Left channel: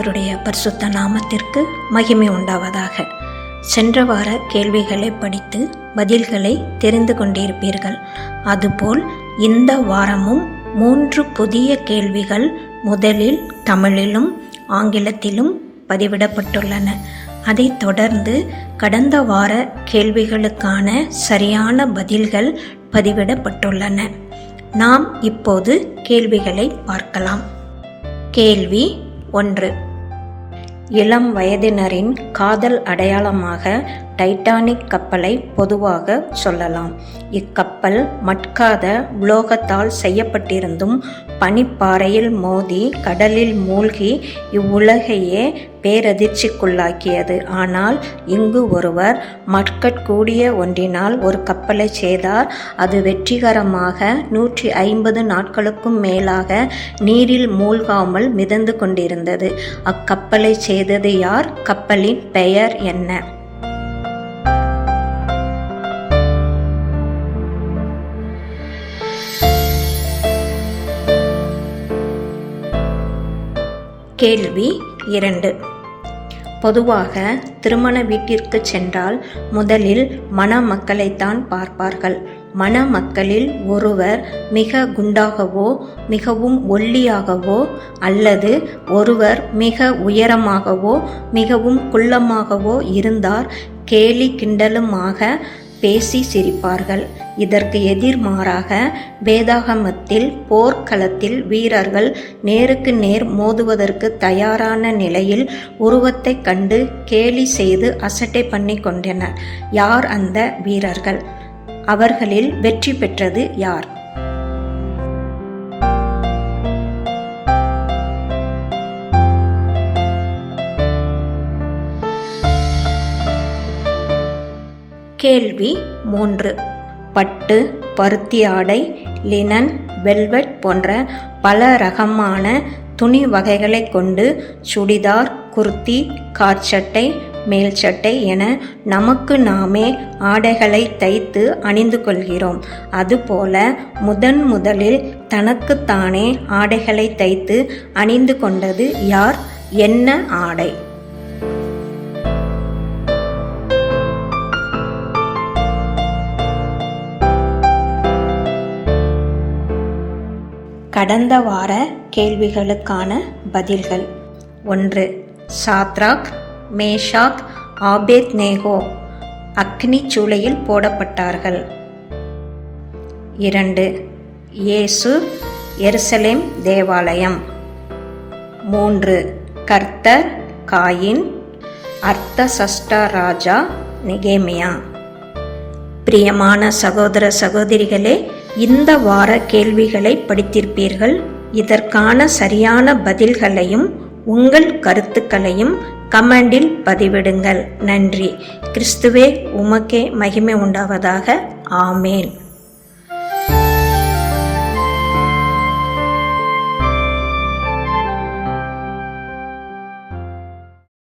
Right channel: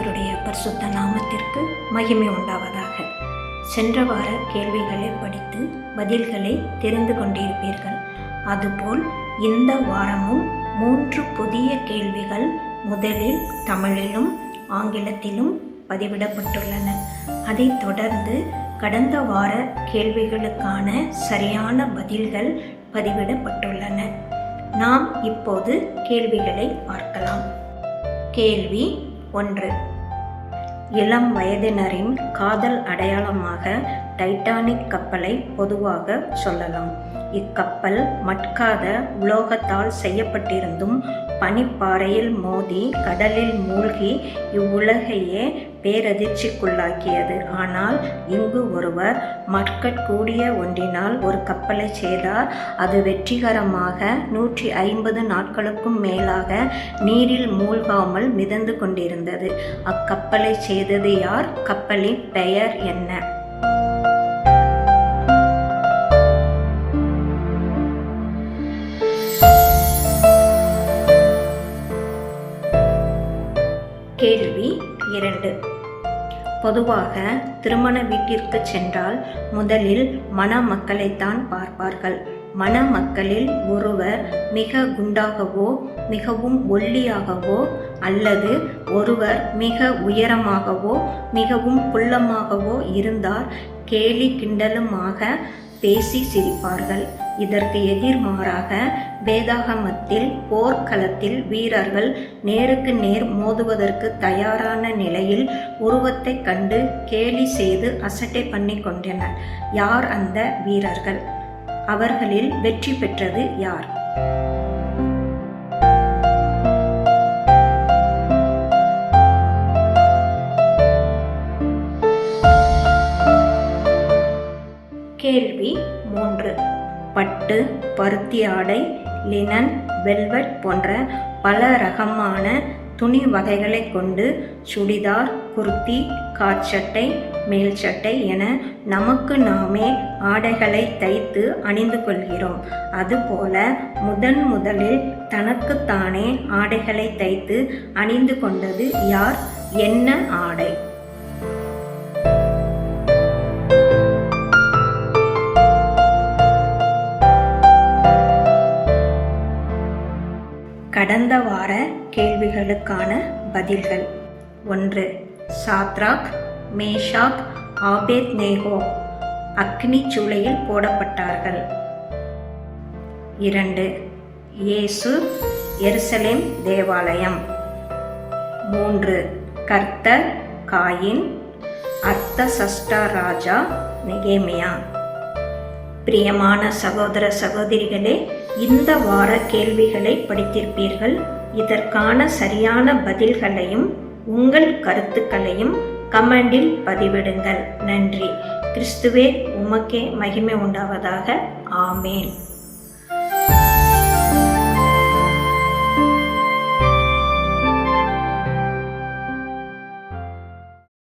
கர்த்தருடைய பரிசுத்த நாமத்திற்கு மகிமை உண்டாவதாக. சென்ற வார கேள்விகளை படித்து பதில்களை தெரிந்து கொண்டிருப்பீர்கள். அதுபோல் இந்த வாரமும் 3 புதிய கேள்விகள் முதலில் தமிழிலும் ஆங்கிலத்திலும் பதிவிடப்பட்டுள்ளன. அதைத் தொடர்ந்து கடந்த வார கேள்விகளுக்கான சரியான பதில்கள் பதிவிடப்பட்டுள்ளன. நாம் இப்போது கேள்விகளை பார்க்கலாம். கேள்வி 1. இளம் வயதினரின் காதல் அடையாளமாக டைட்டானிக் கப்பலை பொதுவாக சொல்லலாம். இக்கப்பல் மட்காத உலோகத்தால் செய்யப்பட்டிருந்தும் பனிப்பாறையில் மோதி கடலில் மூழ்கி இவ்வுலகையே பேரதிர்ச்சிக்குள்ளாக்கியது. ஆனால் இங்கு ஒருவர் மட்கக்கூடிய ஒன்றினால் ஒரு கப்பலை செய்தார். அது வெற்றிகரமாக 150 நாட்களுக்கும் மேலாக நீரில் மூழ்காமல் மிதந்து கொண்டிருந்தது. அக்கப்பலை செய்தது யார்? கப்பலின் பெயர் என்ன? கேள்வி 2. பொதுவாக திருமண வீட்டிற்கு சென்றால் முதலில் மணமக்களைத்தான் பார்ப்பார்கள். மணமக்களில் ஒருவர் மிக குண்டாகவோ மிகவும் ஒல்லியாகவோ அல்லது ஒருவர் மிக உயரமாகவோ மிகவும் குள்ளமாகவோ இருந்தார் கேலி கிண்டலுமாக பேசி சிரிப்பார்கள். இதற்கு எதிர்மாறாக வேதாகமத்தில் போர்க்களத்தில் வீரர்கள் நேருக்கு நேர் மோதுவதற்கு தயாரான நிலையில் உருவத்தை கண்டு கேலி செய்து அசட்டை பண்ணி கொண்டனர். யார் அந்த வீரர்கள்? அவர்களில் வெற்றி பெற்றது யார்? கேள்வி 3. பட்டு, பருத்தி ஆடை, லினன், வெல்வெட் போன்ற பல ரகமான துணி வகைகளை கொண்டு சுடிதார், குர்த்தி, காற்சட்டை, மேல் சட்டை என நமக்கு நாமே ஆடைகளை தைத்து அணிந்து கொள்கிறோம். அதுபோல முதலில் தனக்குத்தானே ஆடைகளை தைத்து அணிந்து கொண்டது யார்? என்ன ஆடை? கடந்த வார கேள்விகளுக்கான பதில்கள். 1. சாத்ராக், மேஷாக், ஆபேத்நேகோ அக்னி சூளையில் போடப்பட்டார்கள். 2. இயேசு, எருசலேம் தேவாலயம். 3. கர்த்தர், காயின், அர்த்தசஷ்டா ராஜா, நெகேமியா. பிரியமான சகோதர சகோதரிகளே, இந்த வார கேள்விகளை படித்திருப்பீர்கள். இதற்கான சரியான பதில்களையும் உங்கள் கருத்துக்களையும் கமெண்டில் பதிவிடுங்கள். நன்றி. கிறிஸ்துவே உமக்கே மகிமை உண்டாவதாக. ஆமேன்.